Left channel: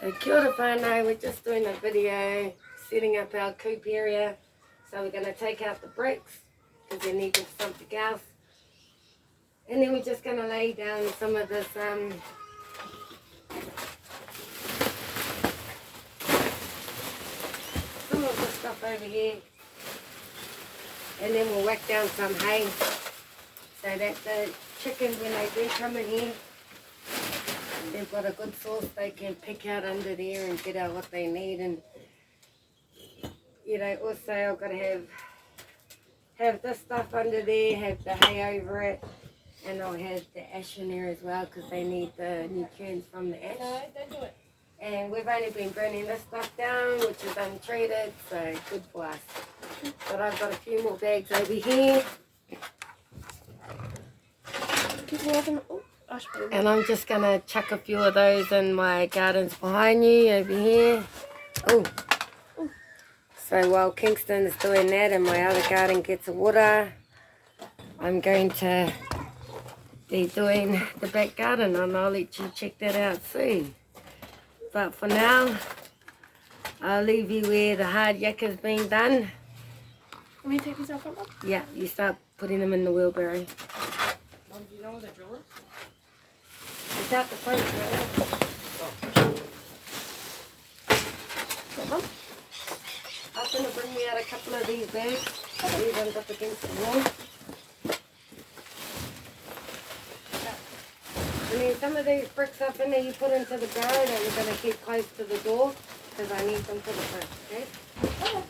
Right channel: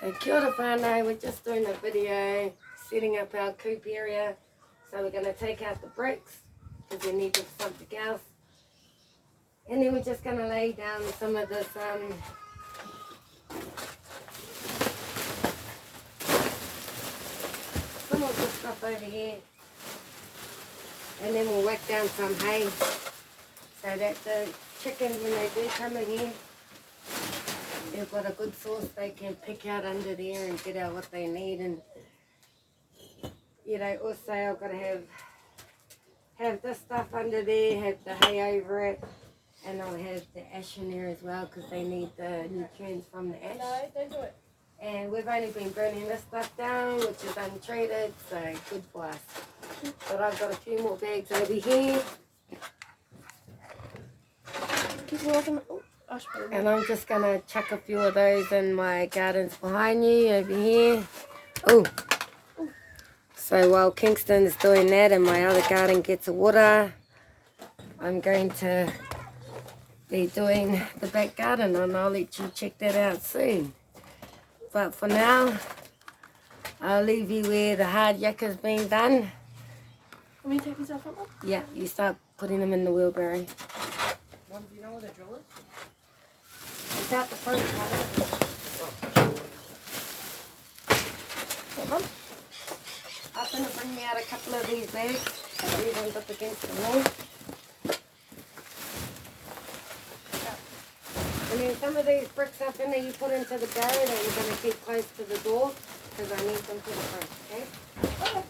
So kia ora whānau, we're just doing a video setting up our coop area. So we're going to take out the bricks because they need for something else. And then we're just going to lay down some of this stuff over here. And then we'll whack down some hay so that the chickens, when they do come in here, they've got a good source they can pick out under there and get out what they need. And you know, also I've got to have this stuff under there, have the hay over it, and I'll have the ash in there as well because they need the nutrients from the ash. No, don't do it. And we've only been burning this stuff down, which is untreated, so good for us. But I've got a few more bags over here. And I'm just going to chuck a few of those in my gardens behind you over here. Oh. So while Kingston's doing that and my other garden gets water, I'm going to be doing the back garden, and I'll let you check that out soon. But for now, I'll leave you where the hard yakka's being done. Let me take these off. Yeah, you start putting them in the wheelbarrow. Mom, do you know where the drill is? It's out the front. Mom? I'm going to bring me out a couple of these bags. These ones up against the wall. And then some of these bricks up in there you put into the barrow that we're going to keep close to the door because I need them for the front, okay? Okay.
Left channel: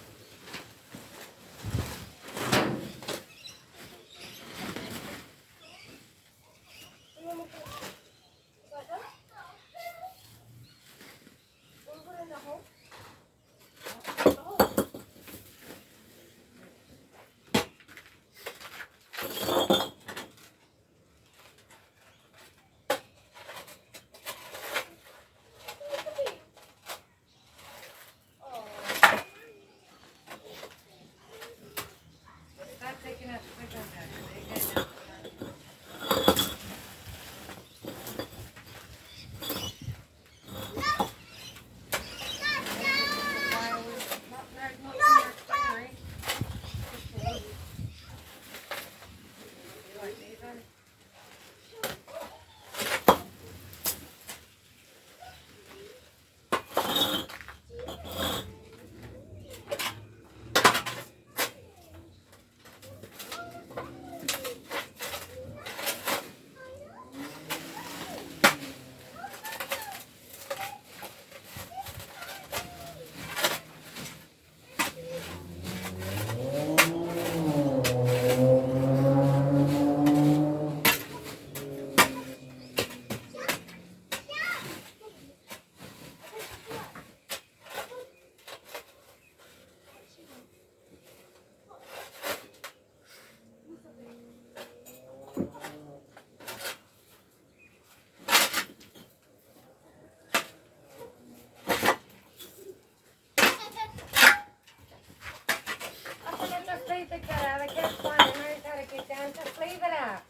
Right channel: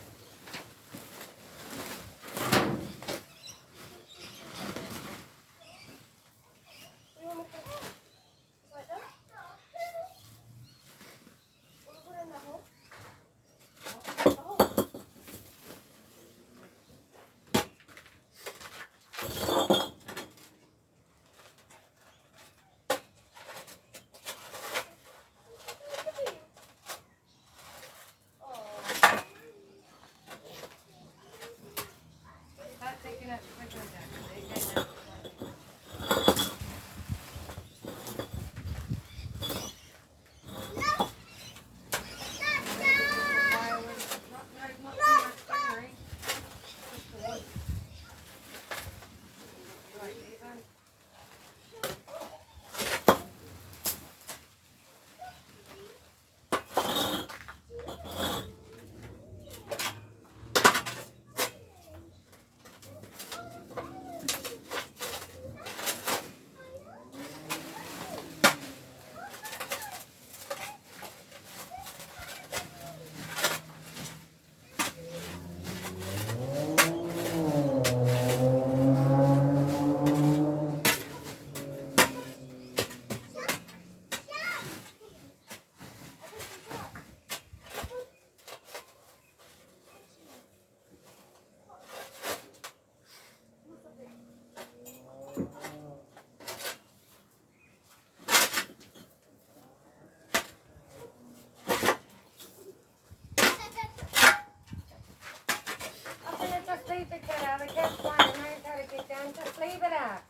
Leave it there. The cat's fine and knows how to get down. Just leave it out.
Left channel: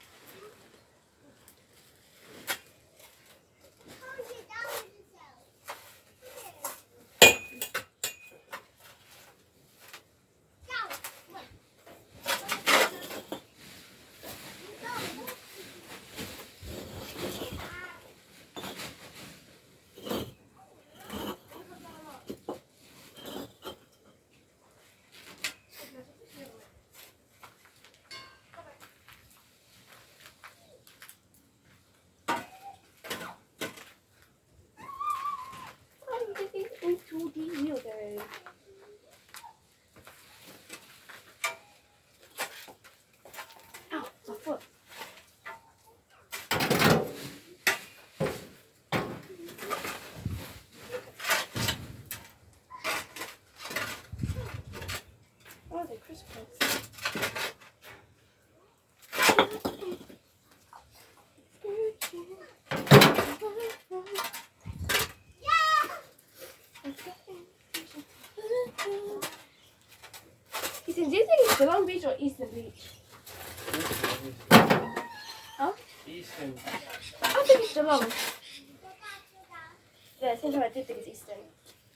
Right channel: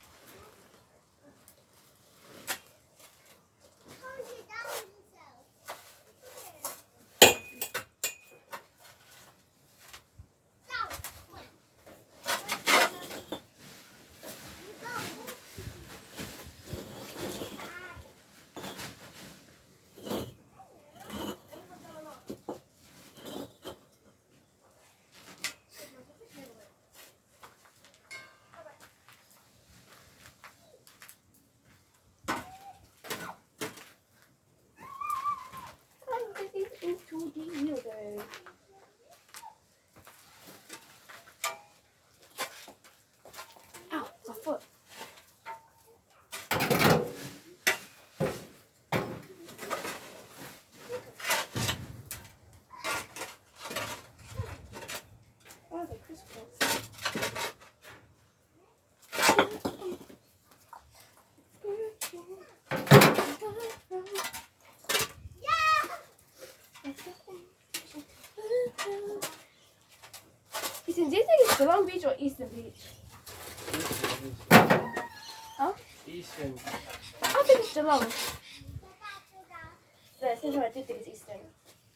Into the wheelbarrow. Ow, my foot. Oh, they're crisscross. Do you think it's Long Beach or Eastern Beach? Huh? Eastern. I think it's Geelong. The the same time I do think it's Easter.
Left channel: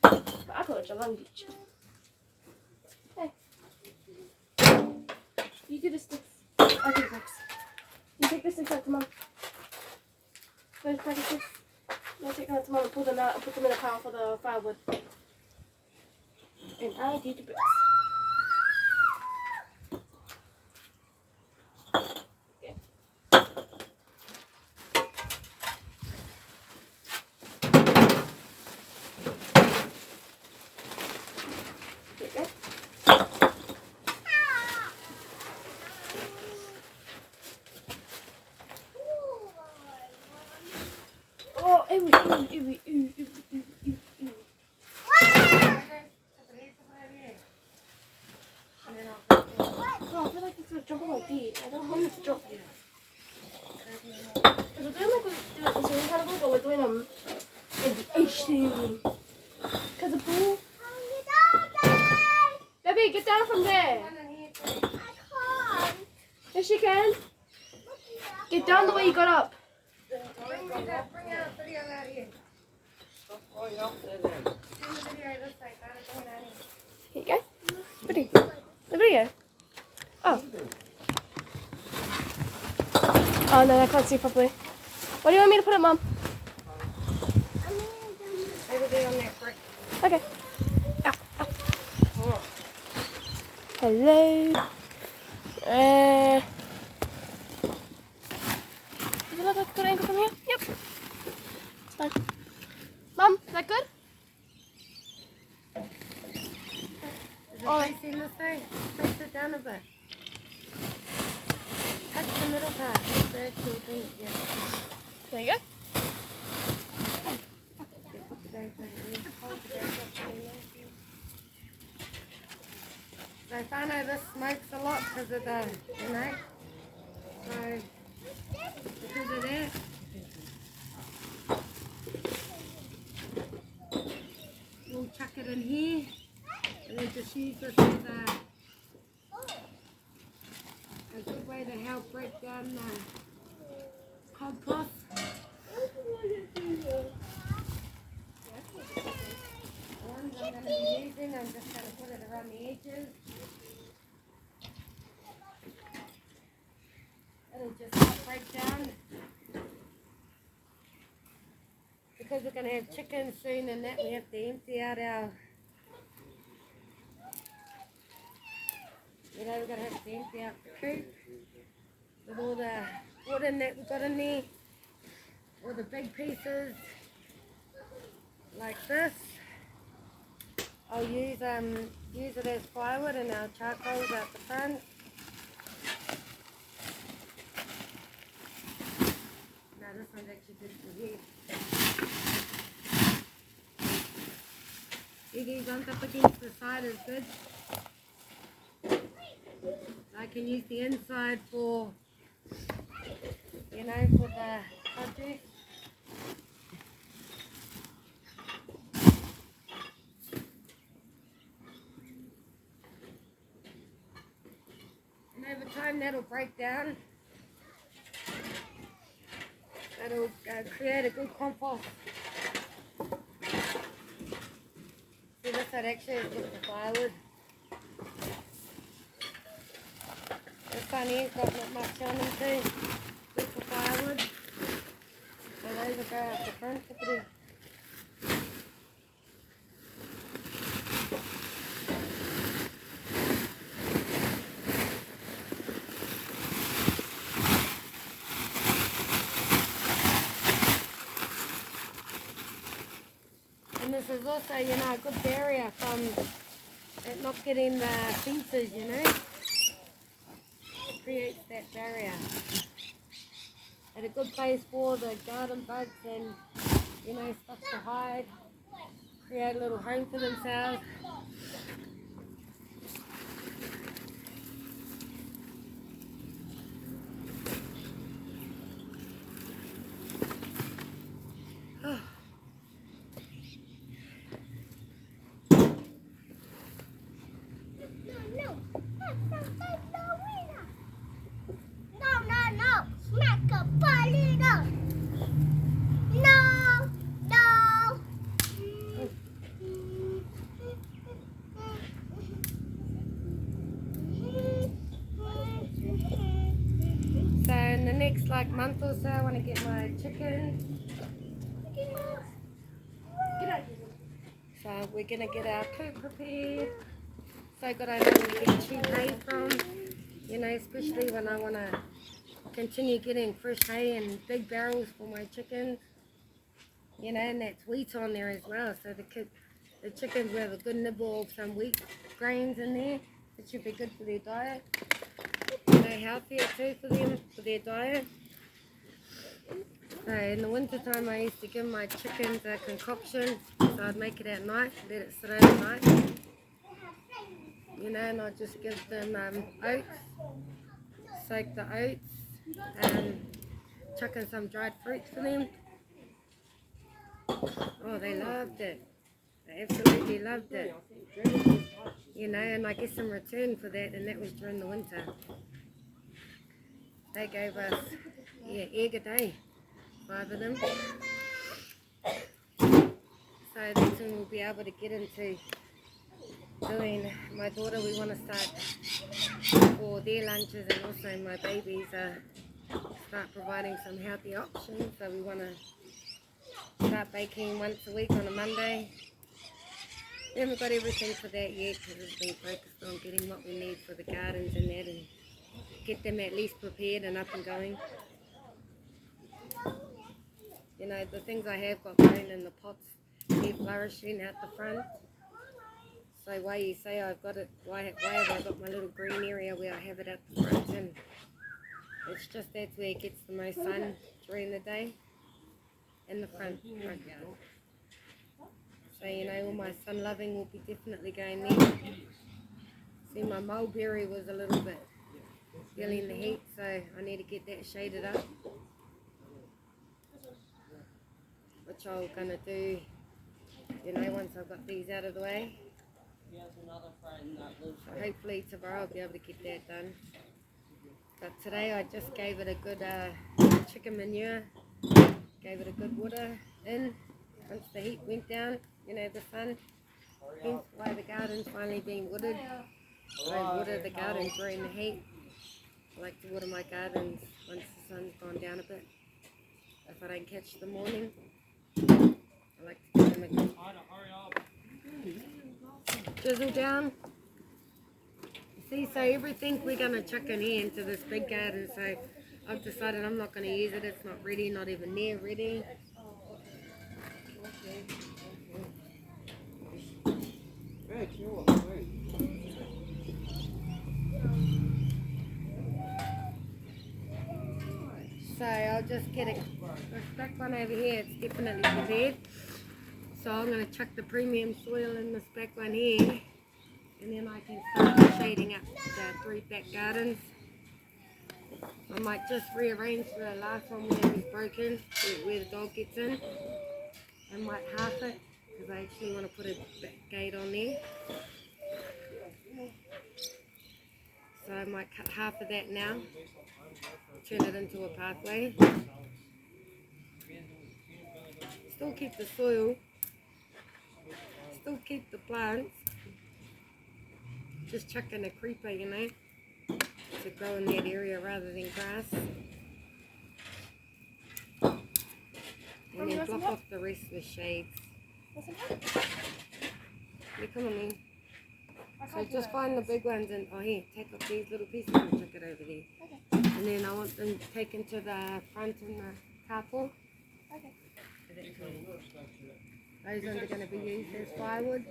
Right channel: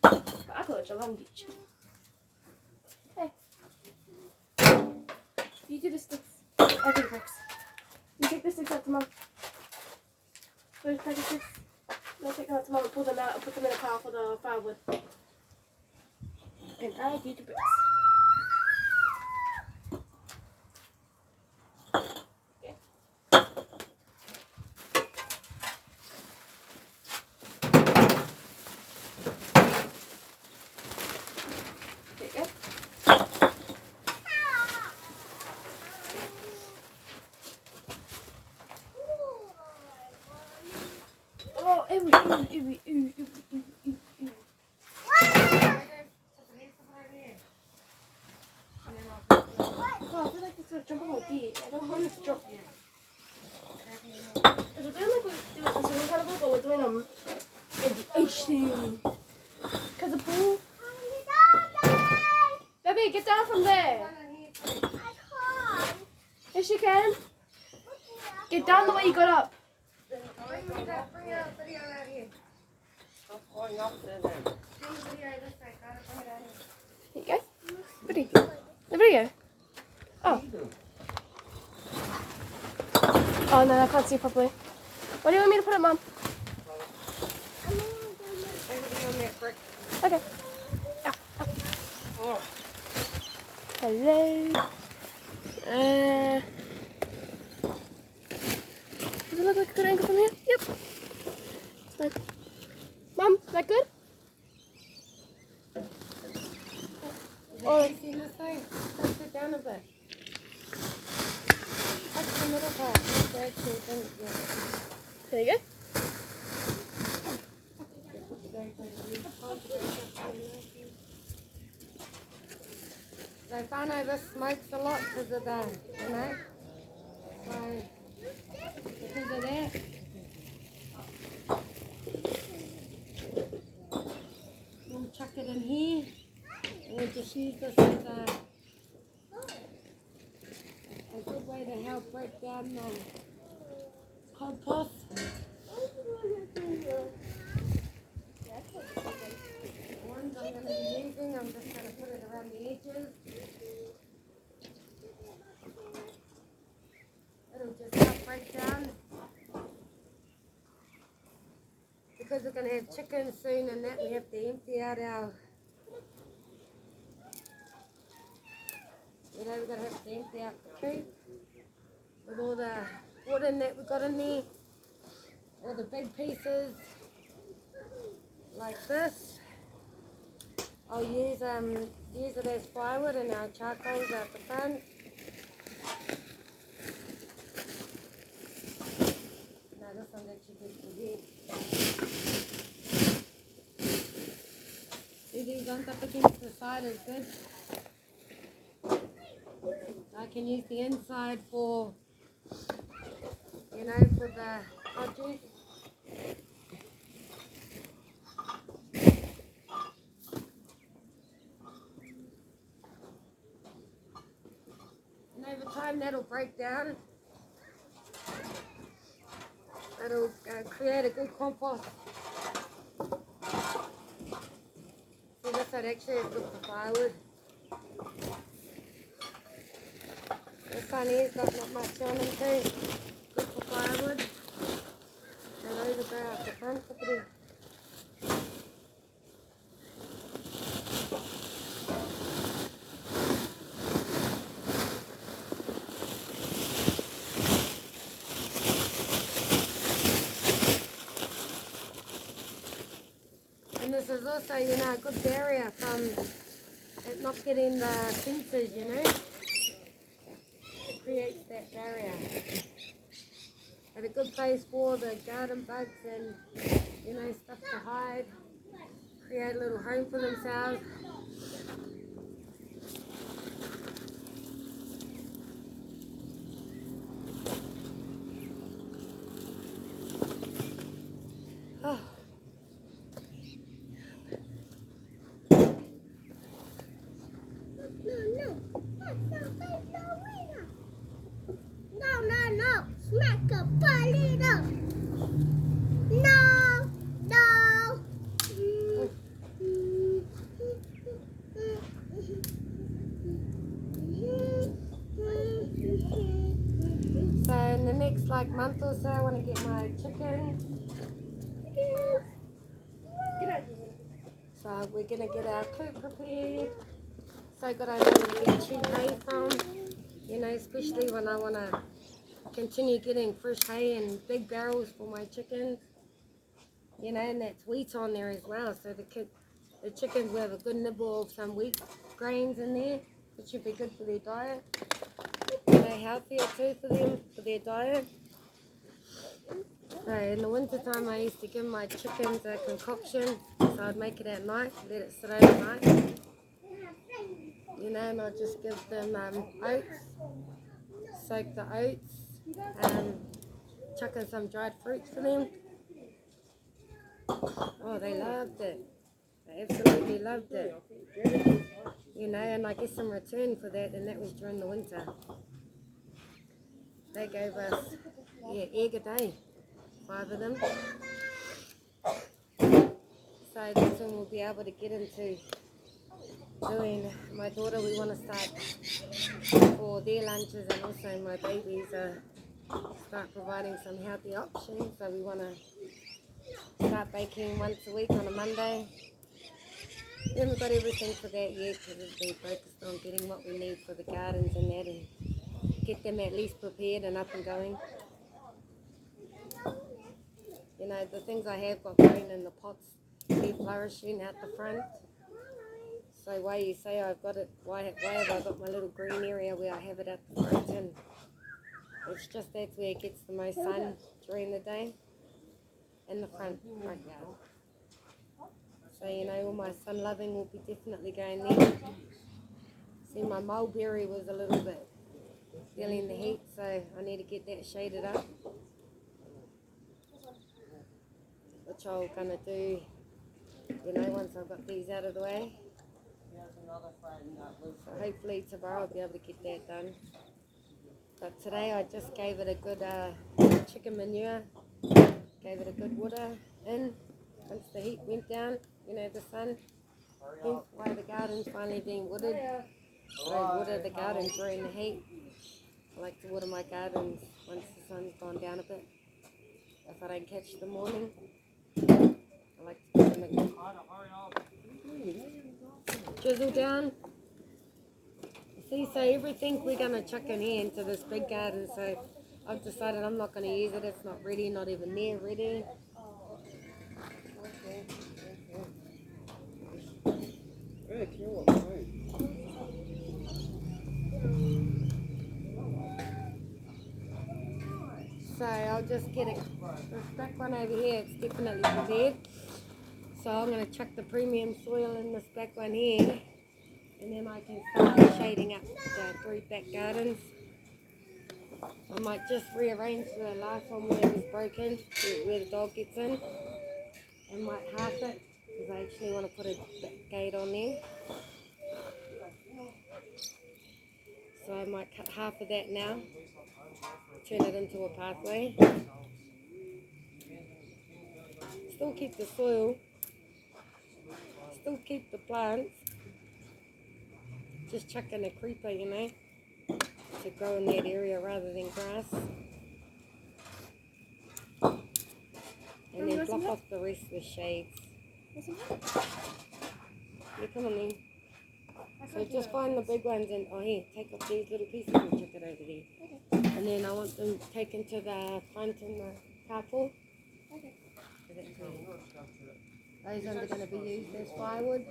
But I call it Geelong Beach. Hey. You do the sticks. I do the sticks. You take the sticks out to Mum. Where's the sticks? I'm going to take them out to Mum and pull them out and put them in the car for the firewood. And I do the bricks. Oh, ew. Oh, I feel like it's going to jump on my feet. I don't want it to jump yet. We're doing like we're doing carnival, but we're doing in the ocean. Because the pool. Baby, get down from there. I can't. Yes, you can. Get down the way you got up. Here you go. Ready? The video. Oh. Oh no, I can't see properly. What do you want me to put it, Mum? Okay. Hello. Does it look like a good angle from here? Yep. It's fine. Mum, is that good? Is it facing this way? Face it down a bit. Touch the middle part. That's the actual thing. Yeah. There you go. So I know this smokes a lot because of the, you know, so because of that. We'll chuck it in here and then just use this as a good way to help break down the compost. The ones I'm going to be using, I'm just going to put it around the edges. It'll just help break down. Because we're going to have chickens soon and that, we have to empty out our, you know, we're going to have to empty out the coop with all the wood in that we've got in there, all the big pieces like this. I'll use it as firewood and our charcoals out the front. Now this one's actually good for here. See these ones up against the side is good. I can use the inside for, you know, for the produce. And over time that'll break down. That'll create a good compost. See, this side actually is good for firewood. This one here's got not much on them too. Good for firewood. So those will go out the front. Look at them. And this is also, you know, a good barrier from it not getting the fences, you know. Creates that barrier. And a good place for the garden bugs and, you know, stuff to hide. Create a little home for themselves. Oh. No. Smack a body. No. next like month or so I want to get my chicken. Get out of here. So we're gonna get our coop prepared. So good I know where to get cheap hay from. You know, especially when I want to continue getting fresh hay and big barrels for my chickens. You know, and that's wheat on there as well. So the chickens will have a good nibble of some wheat grains in there. It should be good for their diet. You know, healthier too for them, for their diet. So in the winter time I used to give my chickens a concoction. So I'd make it at night, let it sit overnight. You know, and I'd just give them oats, soak the oats, chuck in some dried fruits for them. Oh, they loved it. They absolutely loved it. You know, and I guess in return for that, and that was during the winter, they gave us egg a day, 5 of them. So that's when we'll be able to get into doing, my daughter, we want to start for their lunches, and also my babies start providing some healthy options. So we want to start baking once a week on a Monday. We haven't got everything for that yet because we've been focused on getting what we need for the gardens and that, and get them at least prepared and up and going. You know, the things I have got growing in the pots, they're flourishing out the front. So why you say I've got it, why have I got my little green area where I have it at the front? And it's just that's where it gets the most sun during the day, in the front yard. So, you know, all my sun loving will be definitely going there. See, my mulberry was a little bit feeling the heat, so I need to get that shaded up, which I'm going to do, you know, once I've got these out of the way. So hopefully tomorrow I'll be able to get that done. But today I just gave it a good chicken manure, gave it a good water in once the heat went down, you know, the sun. Hence why the garden's finally being watered. I water the garden during the heat. I like to water my gardens once the sun's gone down a bit. If I don't catch the morning, I like to give them a good drizzle down. See, so everything we're going to chuck in here into this big garden. So I've decided I'm not going to use it. It's not ready, not even near ready. So I'll just get it, this back one over here, it's definitely prepared. So I'm going to chuck the premium soil in this back one here, and then I can start shading up the 3 back gardens. I might just rearrange the last one where it was broken, where the dog gets in, and might half it, because I actually want to put a gate on there. So I might cut half of that now, turn it into a pathway. Still keep the soil, still keep the plants, just chuck in a creeper, you know, to grow in that area rather than grass. And then block off the rest with shades. Yeah, come on then. So just find the big ones and, oh here, take off these little pieces and chuck it over there. And then I want them taken to the front in the carport. Those ones are going to be used as firewood.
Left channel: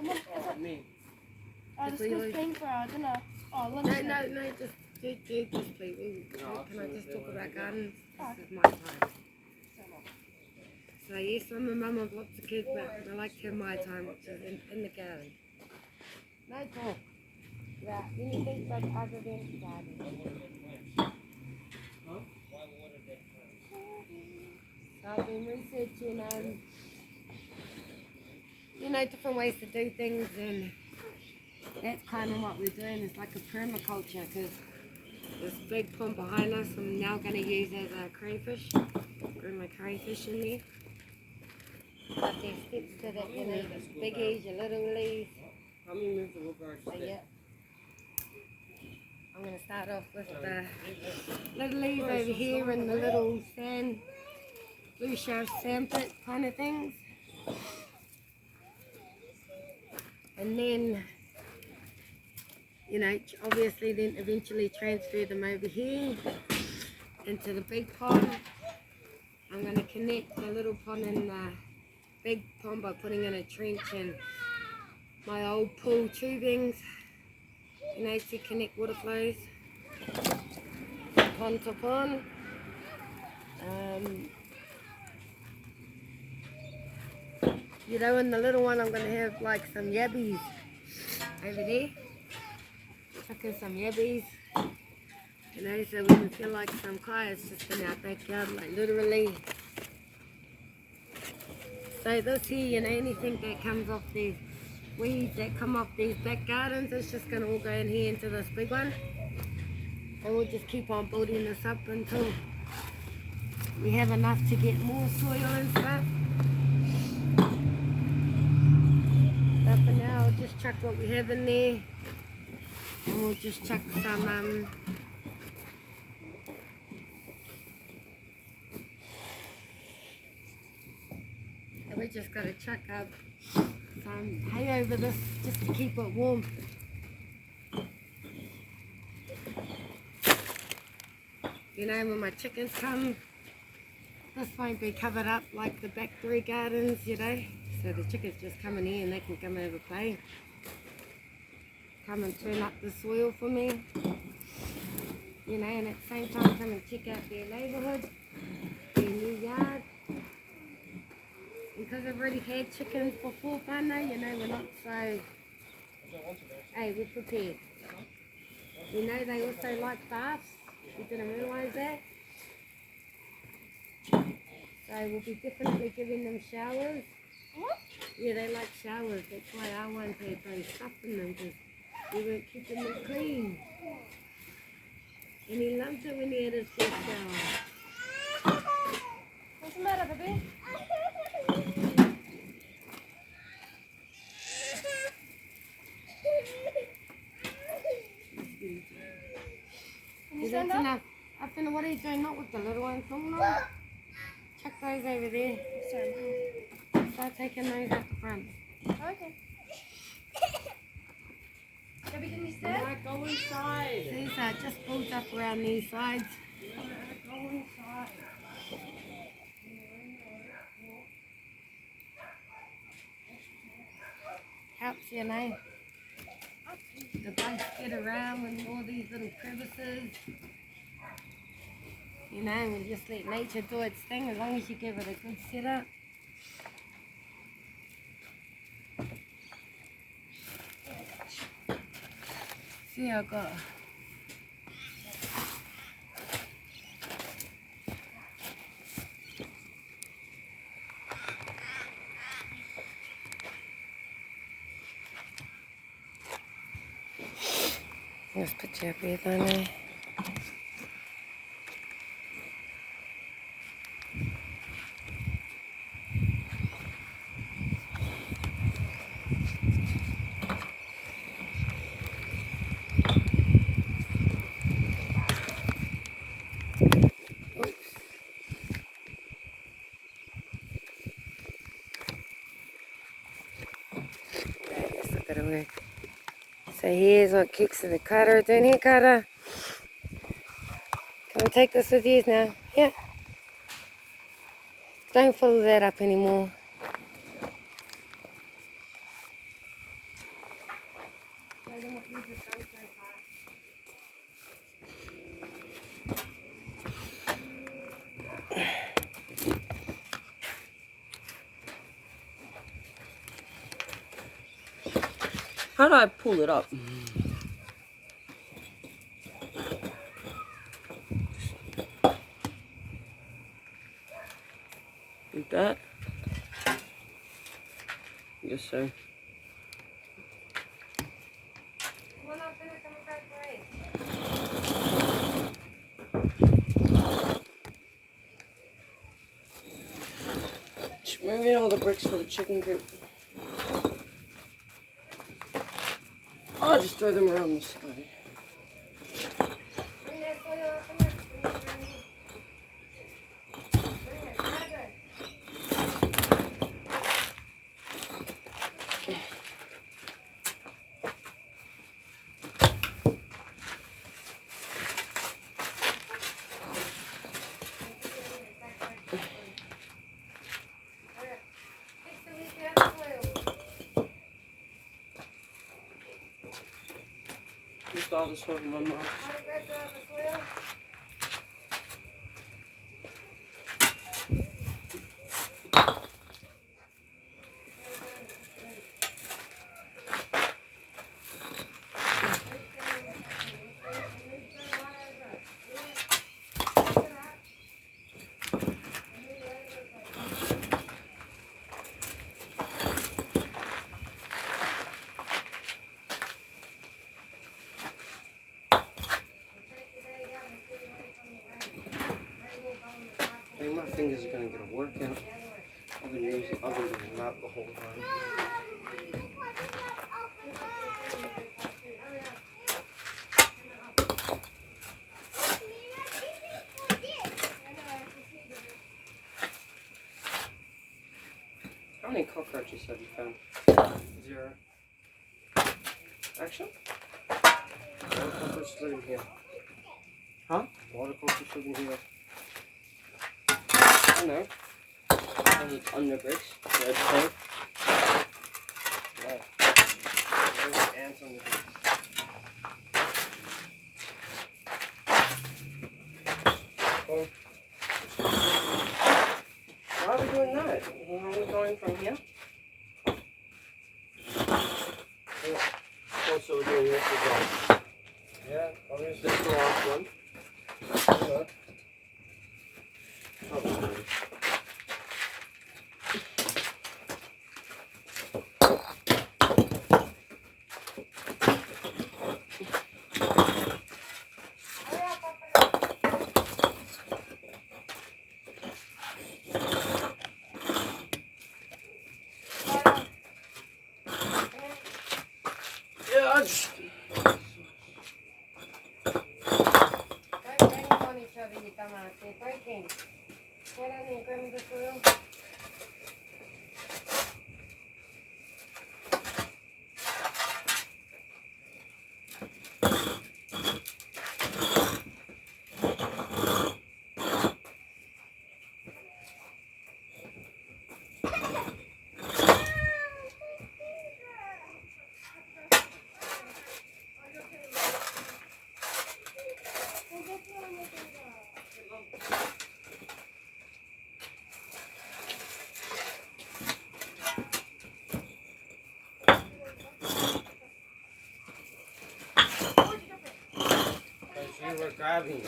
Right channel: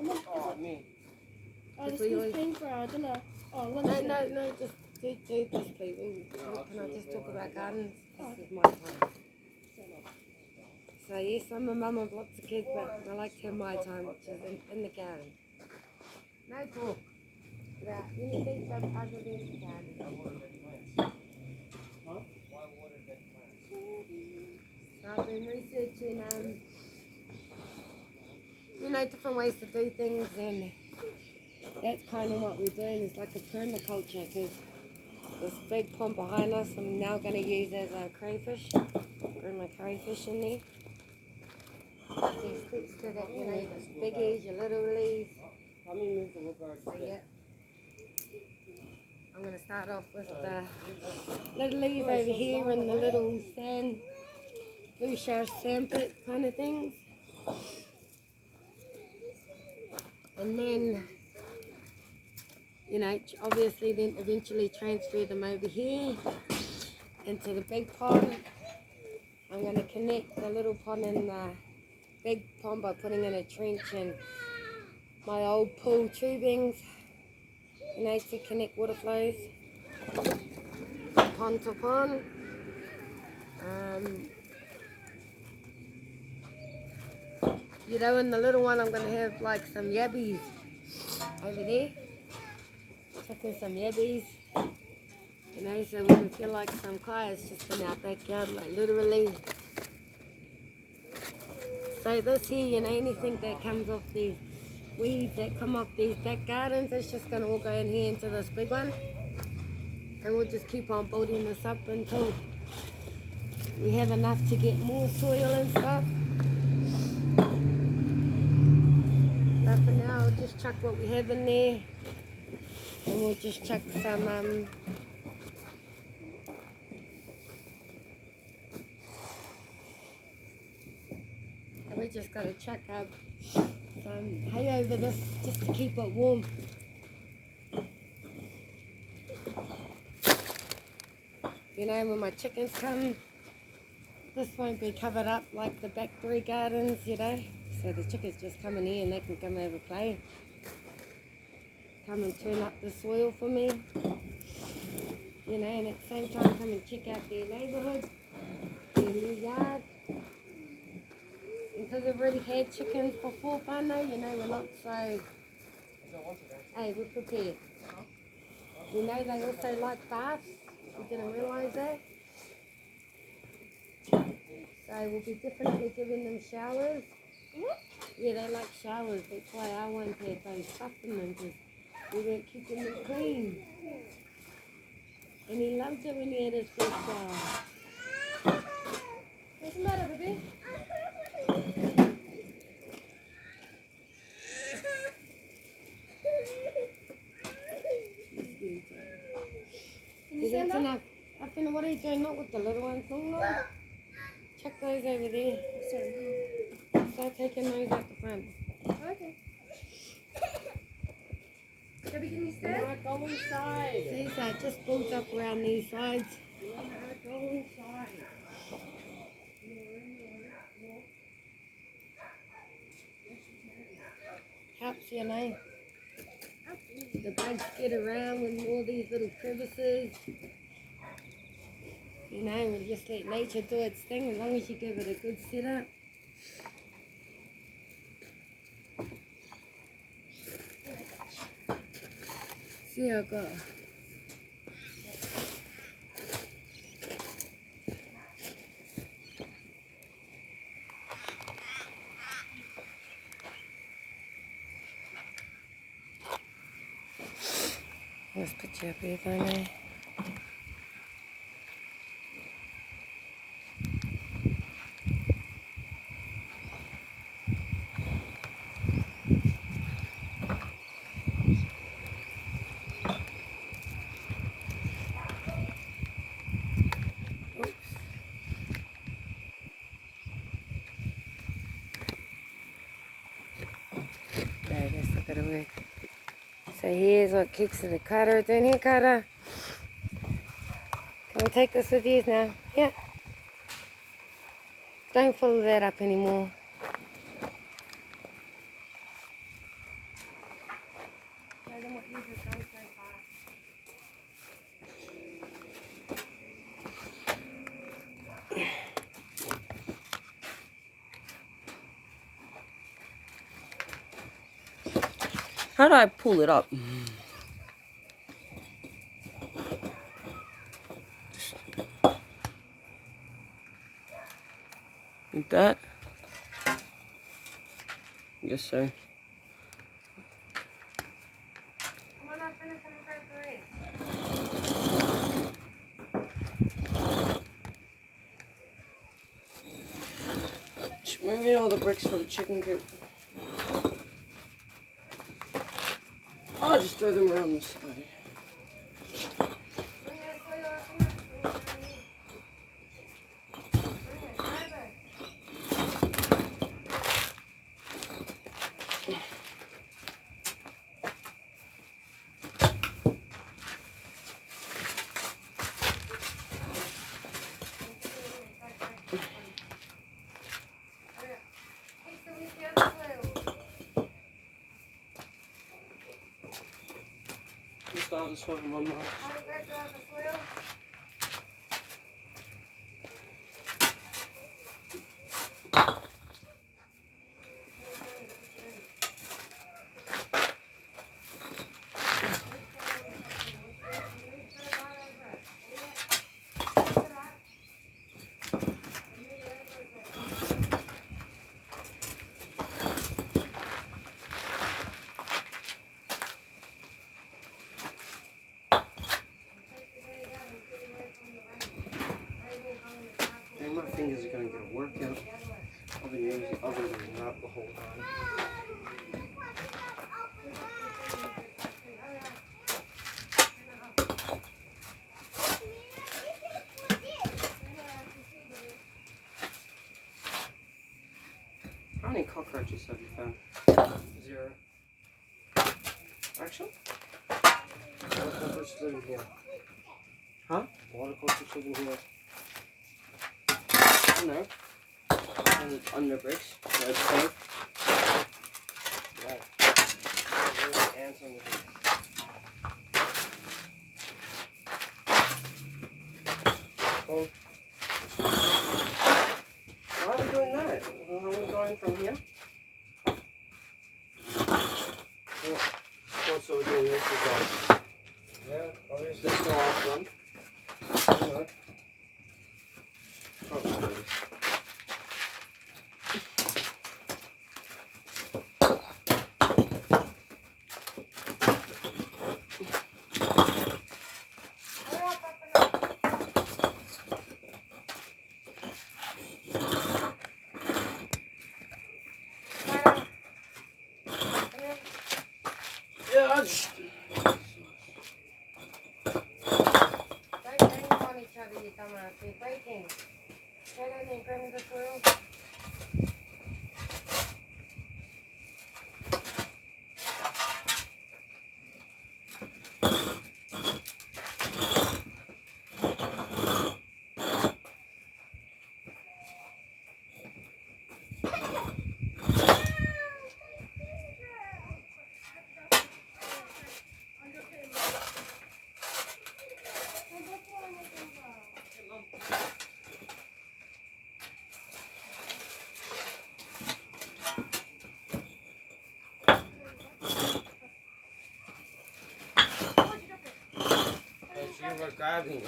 This is paying for our dinner. No, just do this please. Can I just talk about gardens? This is my time. So yes, I'm a mum of lots of kids, but I like to have my time, which is in the garden. No talk about anything but other than the garden. So I've been researching, you know, different ways to do things, and that's kind of what we're doing. It's like a permaculture, because this big pond behind us I'm now going to use as a crayfish. Bring my crayfish in there. But there's steps to that, you know, there's biggies, your little leaves. So yeah, I'm going to start off with the little leaves over here and the little sand, blue shelf sandpit kind of things. And then, you know, obviously then eventually transfer them over here into the big pond. I'm going to connect the little pond and the big pond by putting in a trench and my old pool tubings, you know, to connect water flows pond to pond. You know, in the little one I'm going to have like some yabbies over there. Chucking some yabbies. You know, so we can feel like some kayaks just in our backyard, like literally. So this here, you know, anything that comes off these weeds that come off these back gardens, it's just going to all go in here into this big one. And we'll just keep on building this up until we have enough to get more soil and stuff. But for now, I'll just chuck what we have in there. And we'll just chuck some, and we just got to chuck up some hay over this just to keep it warm. You know, when my chickens come, this won't be covered up like the back 3 gardens, you know. So the chickens just come in here and they can come and have a play. Come and turn up the soil for me. You know, and at the same time come and check out their neighbourhood, their new yard. And because I've already had chickens before, whānau, you know, we're not so... Hey, we're prepared. You know, they also like baths. You didn't realise that? So we'll be definitely giving them showers. Yeah, they like showers. That's why our ones had those stuff in them, because we weren't keeping them clean. And he loves it when he had his first shower. What's the matter, baby? Yeah, that's enough. I don't know what are you doing, not with the little ones. No. Chuck those over there. Start taking those out the front. Okay. Can you stand? Go inside. These are just built up around these sides. Go inside. Helps, you know. The bugs get around with all these little crevices. You know, and just let nature do its thing as long as you give it a good setup. See how I got. Let's put your breath on there. So here's what kicks in the cutter. Down here, cutter. Come and take this with you now. Yeah. Don't follow that up anymore. How do I pull it up? Like that? Yes, sir. Bring me all the bricks for the chicken coop. I'll just throw them around the side. start this one and run mine. My fingers are going to get a workout. I've been doing that the whole time. How many cockroaches have you found? 0. Actually? A lot of cockroaches live in here. Huh? A lot of cockroaches live in here. I know. Under bricks. There's cold. Right. There's the ants on the bricks. Well, why are we doing that? Are we going from here? Yeah. Also, we're doing this as well. Yeah, obviously. This is the last one. Look. Probably. Yeah, I just... You were grabbing it.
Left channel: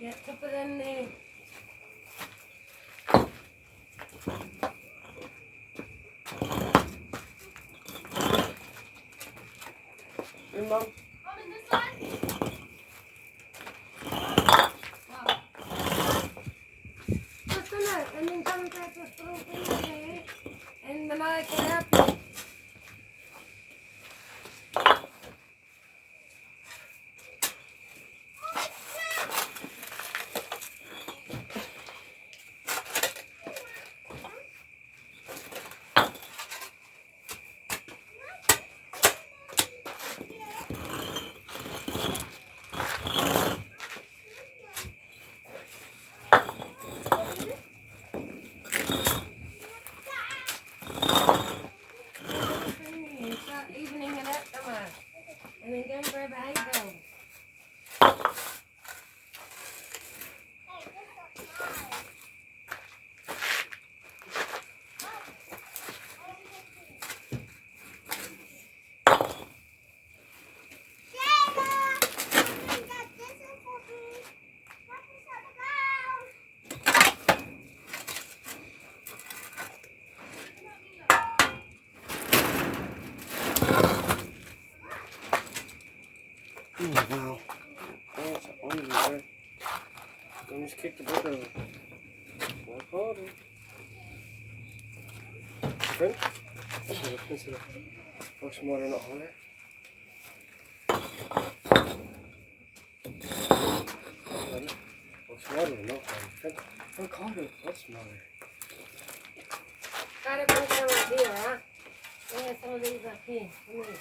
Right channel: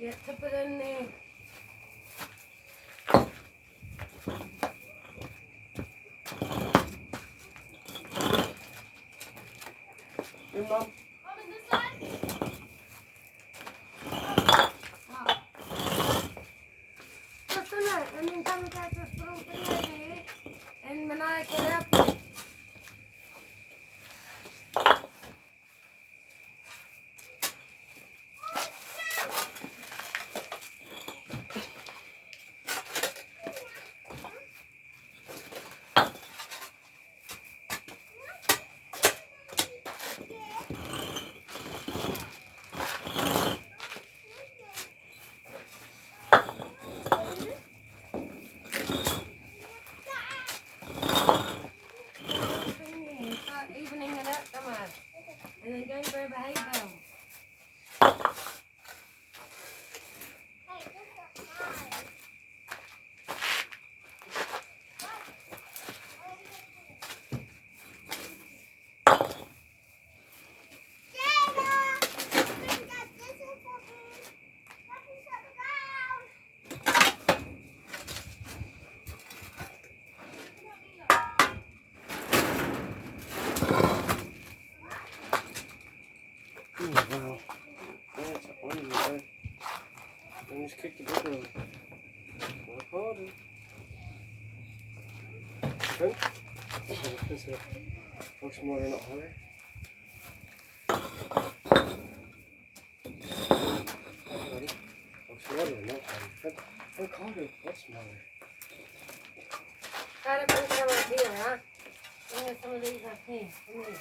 Yeah, to put in there. Your mom? Mom, in this one? Just a minute, and then come back to throw things in there, and Manaya can help you. Start evening it up tomorrow, and then go and grab a hay bale. Oh, wow. Oh, it's on you, boy. I just kicked the book over. Work harder. Okay? Let's pour some water in the water. Buddy. Pour some water in the water. Work harder. That's smaller. Gotta bring some up here, huh? Yeah, some of these up here. Come here.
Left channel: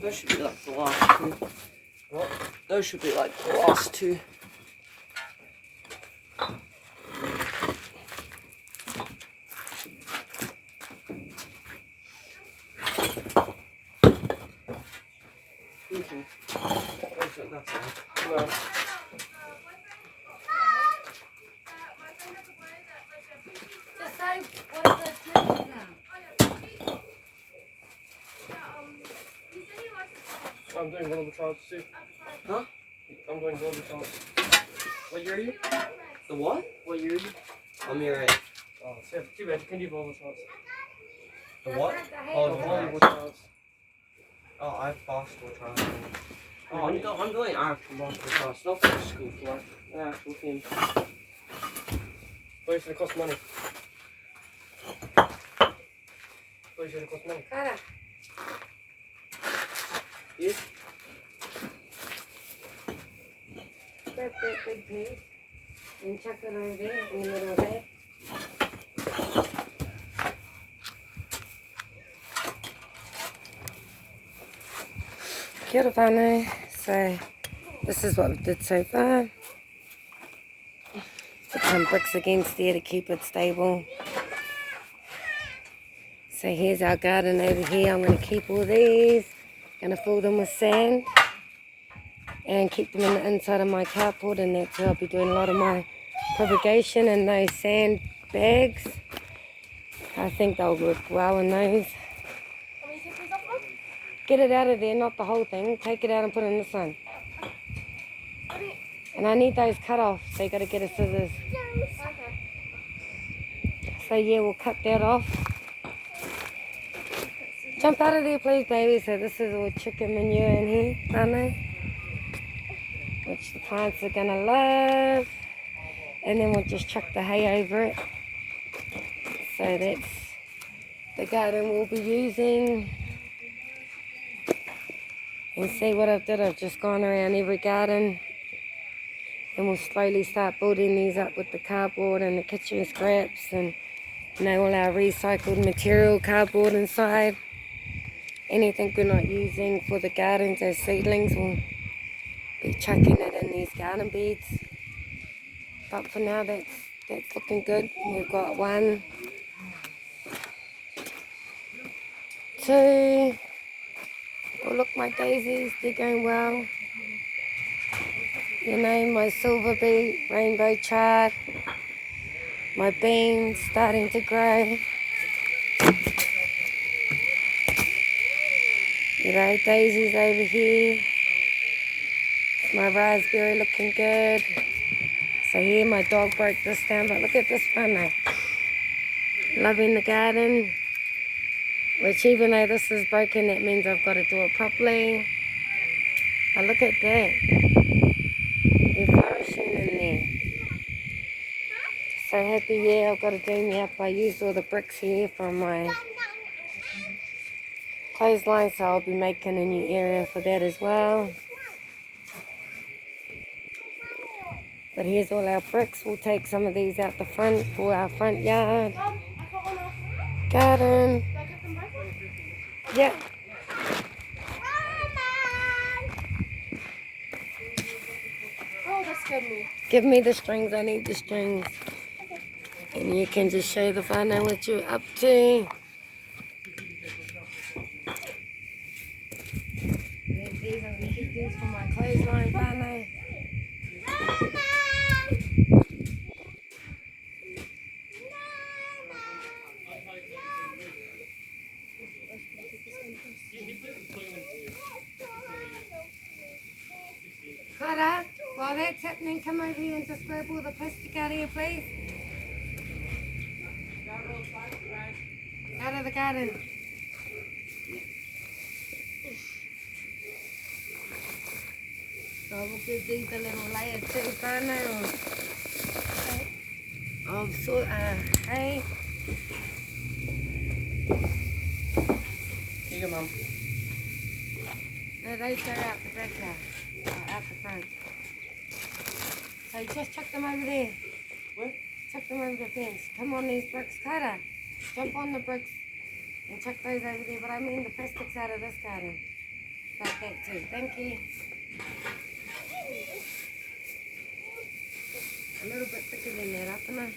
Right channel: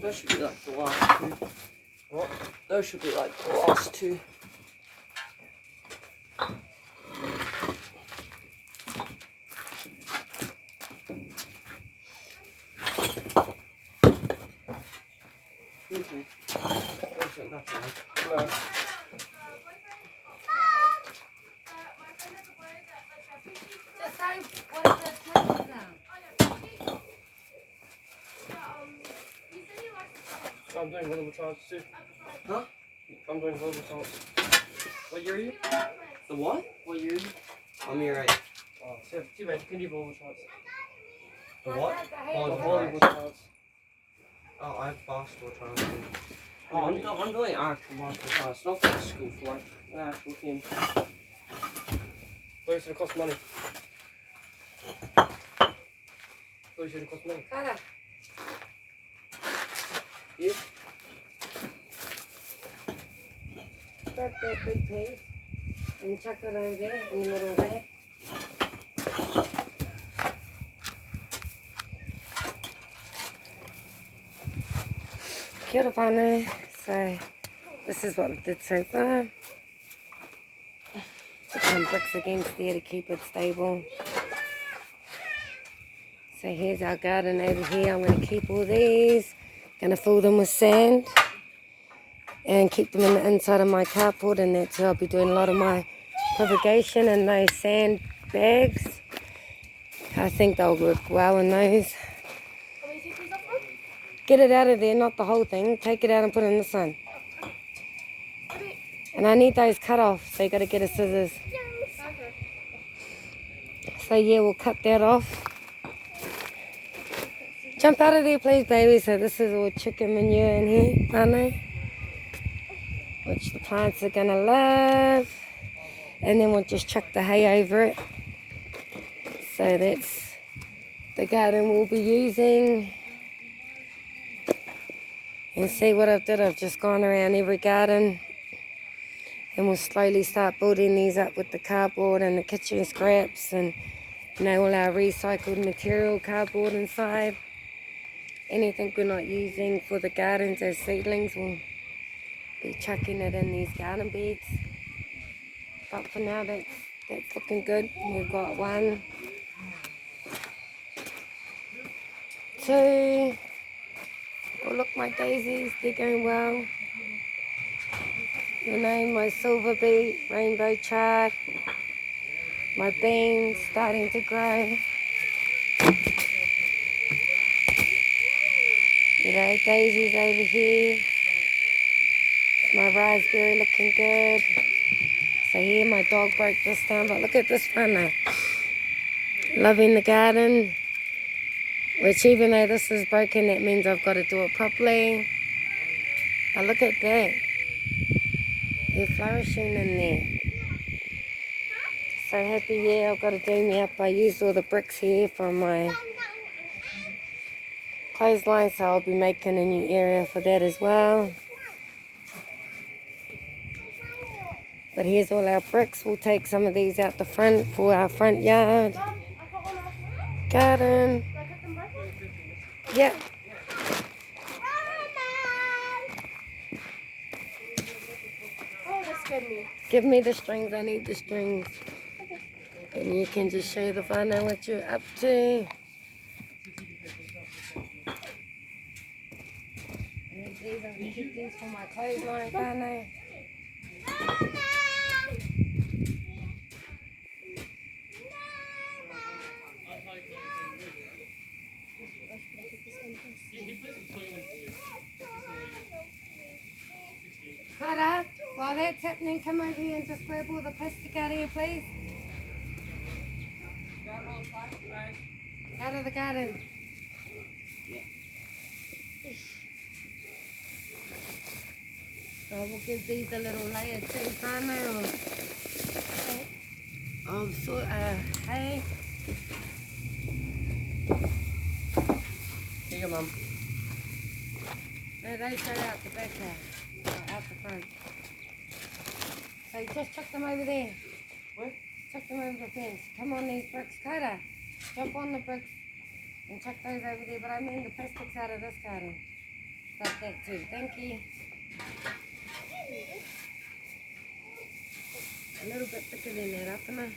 Those should be like the last two. What? Those should be like the last two. I'm doing global trials too. Huh? I'm doing global trials. What year are you? The what? What year are you? I'm year 8. Oh, so too bad. You can do global trials. The what? Volleyball trials. Oh, I have basketball trials. Oh, I'm doing actual basketball trials. Not for the school for like an actual team. But it's gonna cost money. But it's gonna cost money. Yeah. Grab that big piece and chuck it over there in the middle there. Kia ora whānau. So this is what we did so far. Put some bricks against there to keep it stable. So here's our garden over here. I'm going to keep all these. Going to fill them with sand and keep them in the inside of my carport, and that's where I'll be doing a lot of my propagation in those sand bags. I think they'll work well in those. Get it out of there, not the whole thing. Take it out and put it in the sun. And I need those cut off, so you got to get a scissors. So yeah, we'll cut that off. Jump out of there, please, baby. So this is all chicken manure in here, whānau, which the plants are gonna love. And then we'll just chuck the hay over it. So that's the garden we'll be using. And see what I've done, I've just gone around every garden. And we'll slowly start building these up with the cardboard and the kitchen scraps and, you know, all our recycled material cardboard inside. Anything we're not using for the gardens as seedlings, we'll be chucking it in these garden beds. But for now, that's looking good. We've got 1, 2. Oh, look, my daisies, they're going well. You know, my silver beet, rainbow chard, my beans starting to grow. You know, daisies over here. My raspberry looking good. So here, my dog broke this down, but look at this one. Loving the garden. Which even though this is broken, that means I've got to do it properly. But look at that. They're flourishing in there. So happy, yeah, I've got to do me up. I used all the bricks here from my clothesline, so I'll be making a new area for that as well. But here's all our bricks. We'll take some of these out the front for our front yard. Garden. Yeah. Oh, that's good. Give me the strings. I need the strings. Okay. And you can just show the whānau what you're up to. These are the things for my clothesline, whānau. Clara, while that's happening, come over here and just grab all the plastic out here, please. Out of the garden. So we'll give these a little layer too, whānau, of hay. See you, Mum. No, they go out the back now. Out the front. So just chuck them over there. What? Chuck them over the fence. Come on these bricks, Carter. Jump on the bricks and chuck those over there. But I mean the plastics out of this garden. Like that too. Thank you. A little bit thicker than that, up and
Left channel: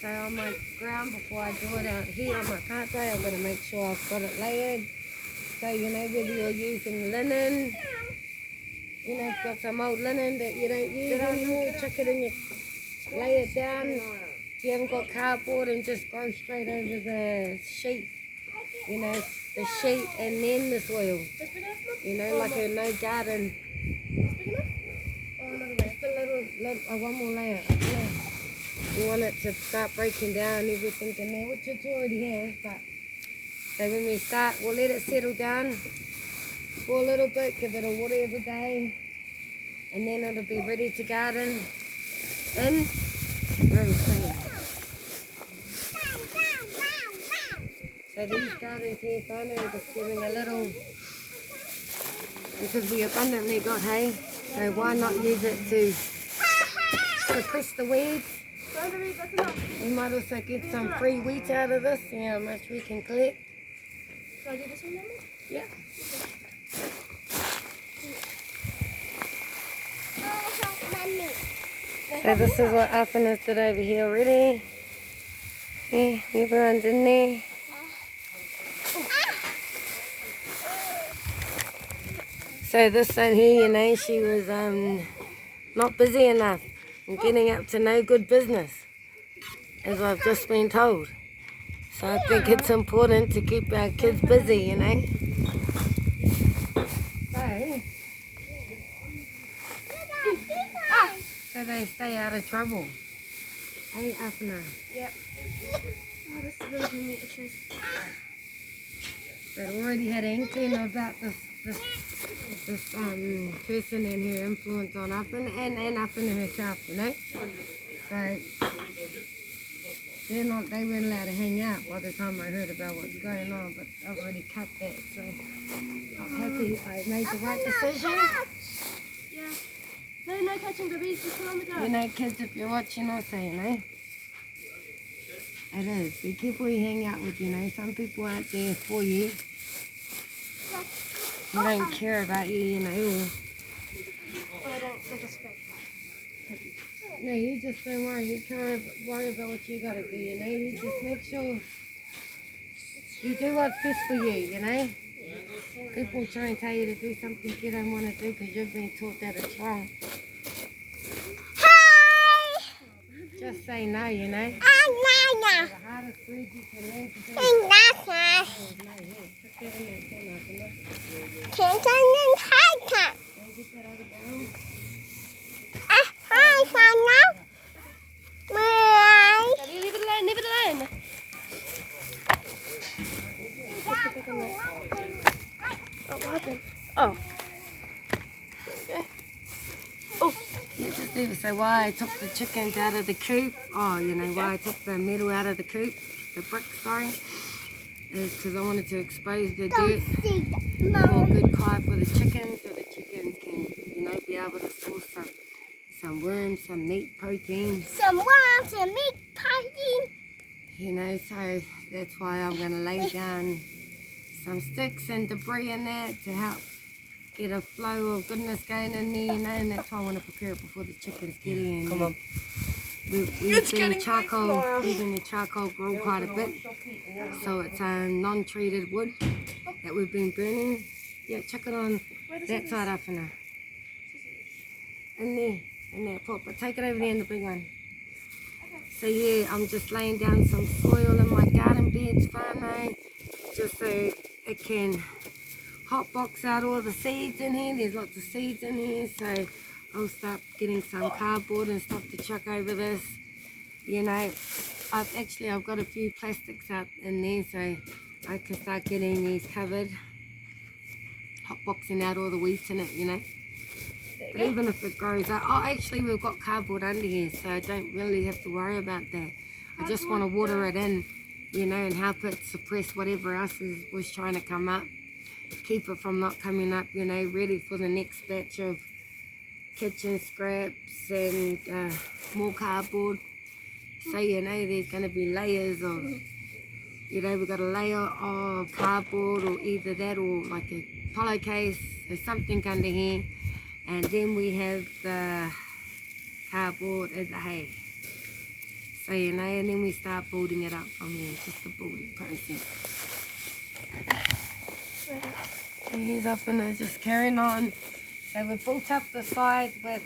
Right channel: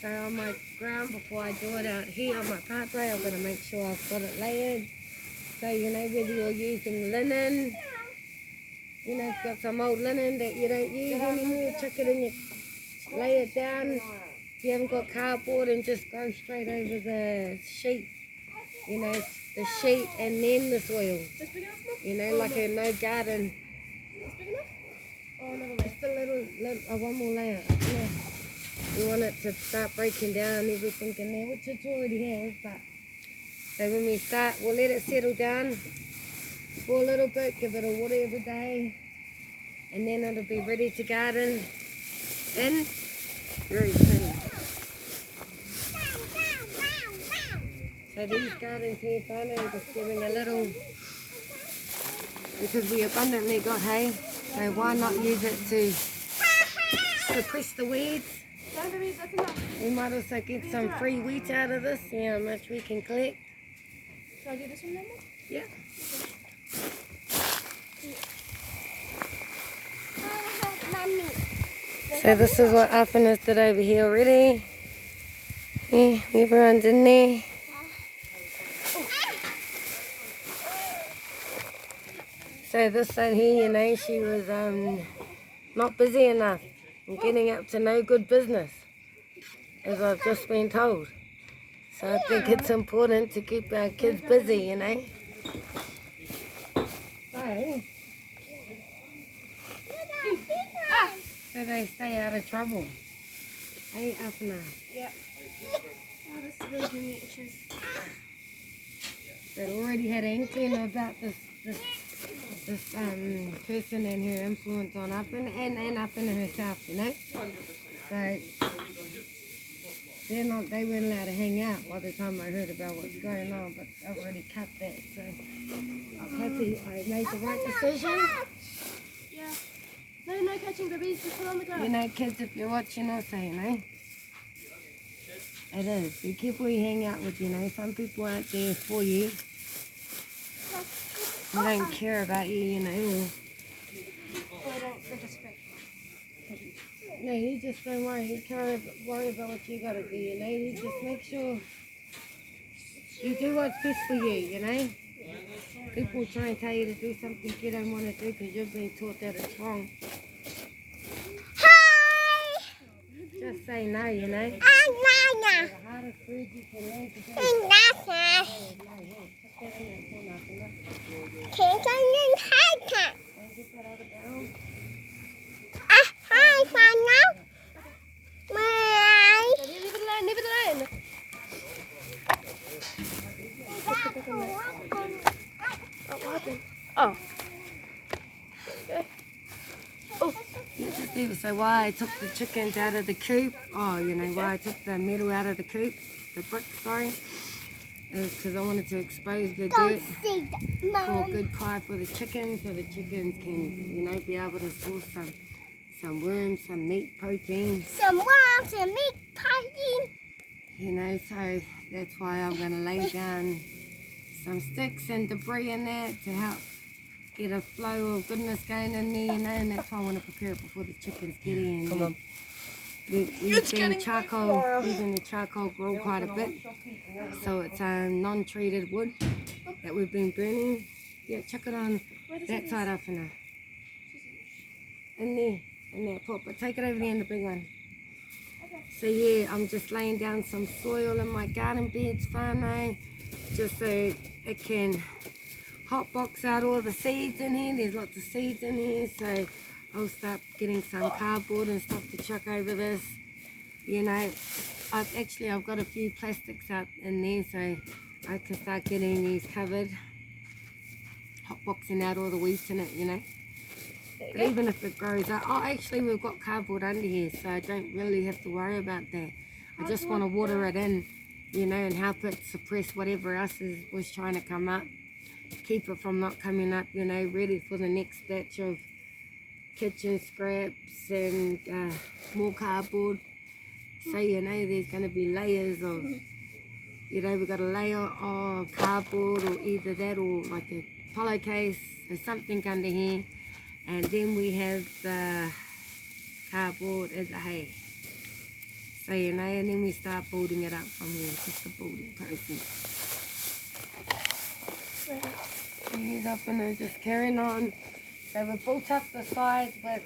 So on my ground, before I do it out here on my pathway, I'm going to make sure I've got it layered. So you know, whether you're using linen, you know, if you've got some old linen that you don't use anymore, chuck it in your, lay it down. If you haven't got cardboard, and just go straight over the sheet. You know, the sheet and then the soil. This big enough, Mum? You know, like a no garden. This big enough? Or another layer? Just a little one more layer. Yeah. We want it to start breaking down everything in there, which it already has, but so when we start, we'll let it settle down for a little bit, give it a water every day, and then it'll be ready to garden in very soon. So these gardens here, finally, just giving a little, because we abundantly got hay, so why not use it to suppress the weeds? That's enough. We might also get some free wheat out of this, see how much we can collect. Shall I do this one then? Yeah. So this is what Alpha has did over here already. Yeah, everyone's in there. So this one here, you know, she was not busy enough and getting up to no good business, as I've just been told. So I think it's important to keep our kids busy, you know. So they stay out of trouble. Hey, Afna. Yep. Oh, this is really giving me itches. They'd already had an inkling about this person and her influence on Afna and Afna herself, you know. So they weren't allowed to hang out by the time I heard about what's going on, but I've already cut that, so I'm happy I made the right decision. Yeah. No catching babies, just put on the ground. You know, kids, if you're watching also, you know, it is. Be careful who you hang out with, you know. Some people aren't there for you. They don't care about you, you know. Or they just scrape. No, you just don't worry. You can't worry about what you got to do, you know. You just make sure you do what's best for you, you know. People try and tell you to do something you don't want to do because you've been taught that it's wrong. Hi! Just say no, you know. Nana. The hardest food you can learn to do. Nana. Put that in there, too, Martha. Can't I get that? Don't get that out of bounds. Hi, Nana. Bye. Leave it alone, leave it alone. Oh, what happened? Oh. Oh, you just leave it. So why I took the chickens out of the coop, you know, why I took the metal out of the coop, the brick, sorry, is because I wanted to expose the dirt for a good cry for the chickens, so the chickens can, you know, be able to source some worms, some meat, protein. Some worms and meat pie. You know, so that's why I'm going to lay down some sticks and debris in there to help get a flow of goodness going in there, you know, and that's why I want to prepare it before the chickens get in. Come on. We've been using the charcoal grill quite a bit, so it's non-treated wood that we've been burning. Yeah, chuck it on that side up in there. In there, pot, but take it over there in the big one. So yeah, I'm just laying down some soil in my garden beds, whānau, just so it can hot box out all the seeds in here. There's lots of seeds in here, so I'll start getting some cardboard and stuff to chuck over this. You know, I've got a few plastics out in there, so I can start getting these covered, hot boxing out all the wheat in it, you know. There you But go. even if it grows up, oh, actually we've got cardboard under here, so I don't really have to worry about that. I just want to water it in, you know, and help it suppress whatever else was trying to come up. Keep it from not coming up, you know, ready for the next batch of kitchen scraps and more cardboard. So, you know, there's going to be layers of, you know, we've got a layer of cardboard or either that or like a pillowcase or something under here. And then we have the cardboard as a hay. So, you know, and then we start building it up from here. It's just a building process. And he's up and just carrying on. So we built up the sides with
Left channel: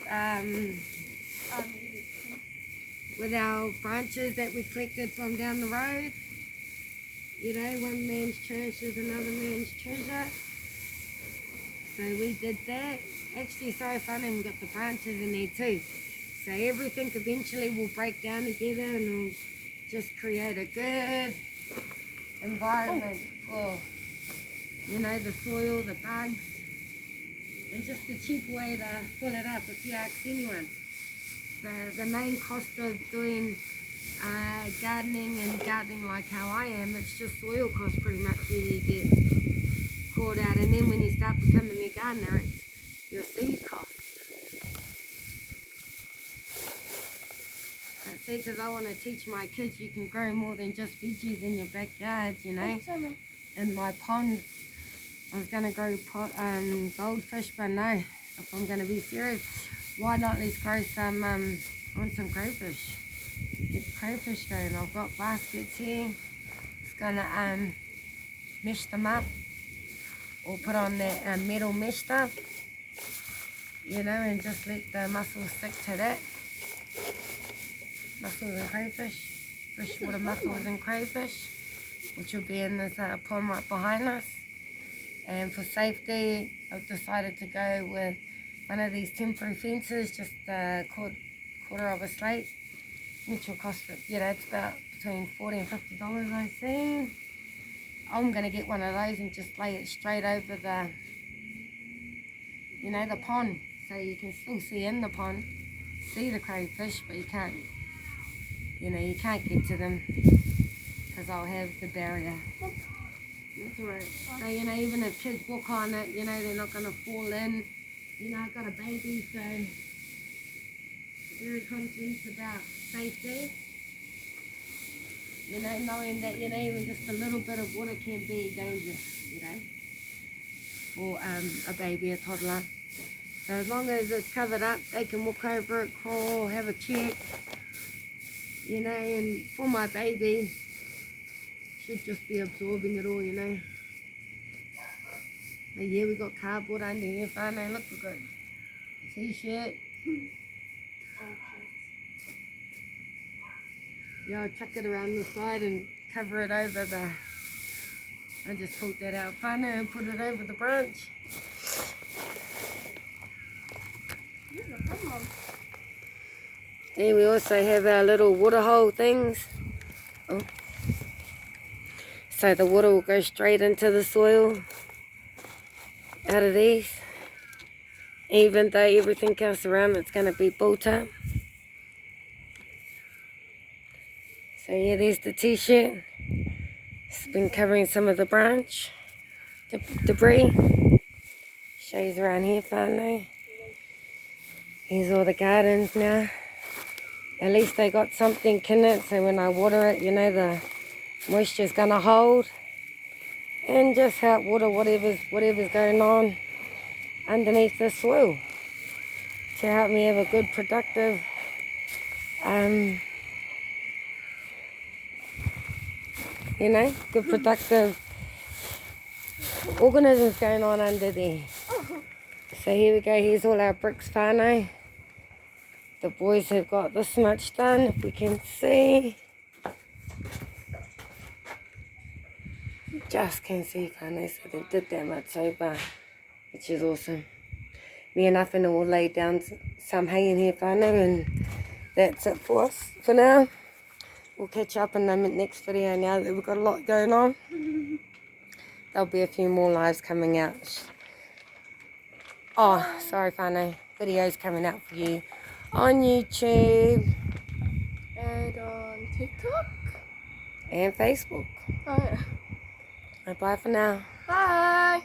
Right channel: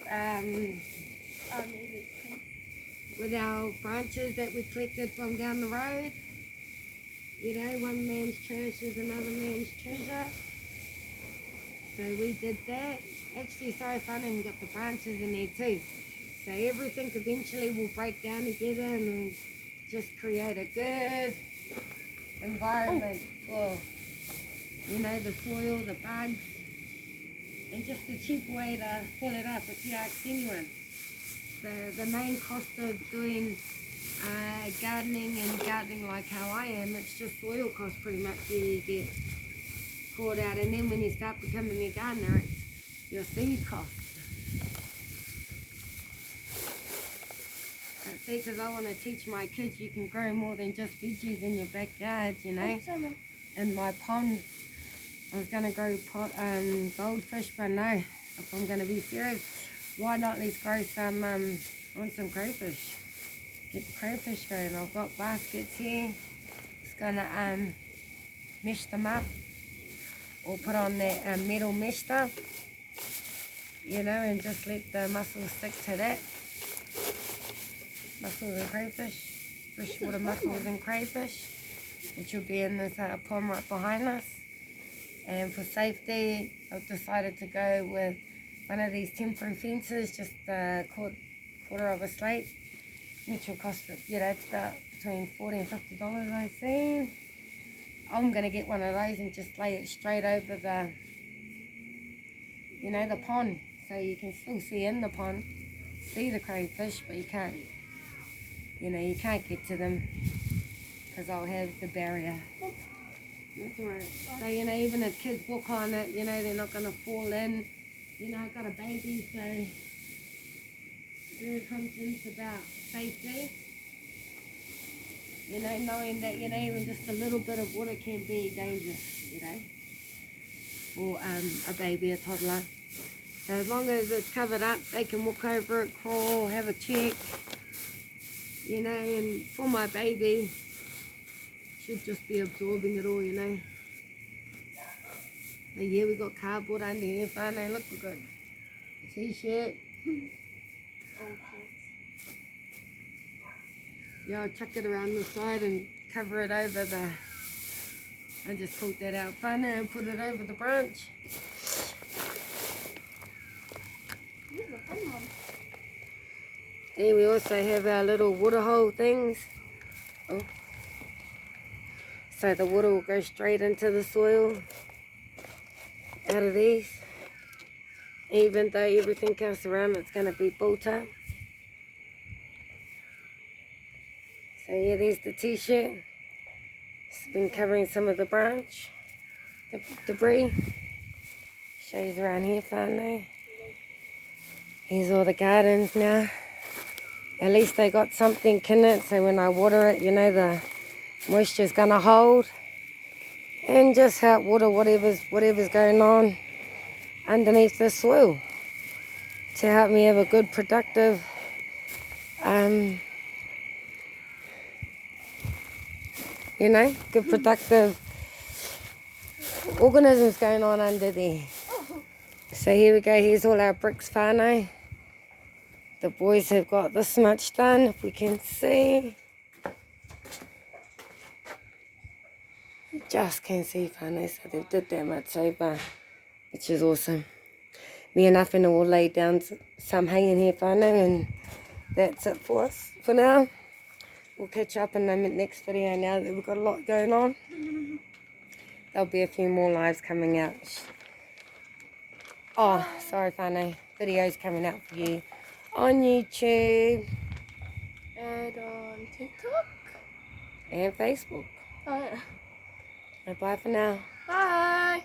our branches that we collected from down the road. You know, one man's trash is another man's treasure. So we did that. Actually, so fun, and we got the branches in there too. So everything eventually will break down together and will just create a good environment for, you know, the soil, the bugs, and just a cheap way to fill it up if you ask anyone. The main cost of doing gardening like how I am, it's just soil cost pretty much when you get caught out, and then when you start becoming a gardener, it's your seed cost. See, because I want to teach my kids you can grow more than just veggies in your backyard, you know. In my pond, I was going to grow goldfish, but no, if I'm going to be serious, why not let's grow some, want some crayfish. Get the crayfish going. I've got baskets here. Just going to mesh them up or put on that metal mesh stuff, you know, and just let the mussels stick to that. Mussels and crayfish, freshwater mussels and crayfish, which will be in this pond right behind us. And for safety, I've decided to go with one of these temporary fences, just a quarter of a slate, which will cost, you know, it's about between $40 and $50, I think. I'm going to get one of those and just lay it straight over the, you know, the pond, so you can still see in the pond, see the crayfish, but you can't, you know, you can't get to them because I'll have the barrier. That's alright. So, you know, even if kids walk on it, you know, they're not going to fall in. You know, I've got a baby, so very conscious about safety. You know, knowing that, you know, even just a little bit of water can be dangerous, you know, for a baby, a toddler. So as long as it's covered up, they can walk over it, crawl, have a check, you know, and for my baby, should just be absorbing it all, you know. And yeah, we got cardboard under here, fine, now look, we've got a t-shirt. Yeah, I'll chuck it around the side and cover it over the, I just pulled that out fine and put it over the branch. There we also have our little water hole things. Oh. So the water will go straight into the soil out of these. Even though everything else around it's going to be built up. So yeah, there's the t-shirt. It's been covering some of the branch debris. Shows around here finally. Here's all the gardens now. At least they got something in it, so when I water it, you know, the moisture's gonna hold. And just help water whatever's going on underneath the soil to help me have a good productive you know, good productive organisms going on under there. So here we go, here's all our bricks whānau. The boys have got this much done, if we can see. Just can see whānau, so they did that much over, which is awesome. Me and Awhina will lay down some hay in here whānau, and that's it for us for now. We'll catch up in the next video now that we've got a lot going on. There'll be a few more lives coming out. Oh, sorry whānau. videos coming out for you on YouTube And on TikTok. and Facebook. Oh, yeah. Bye for now. Bye.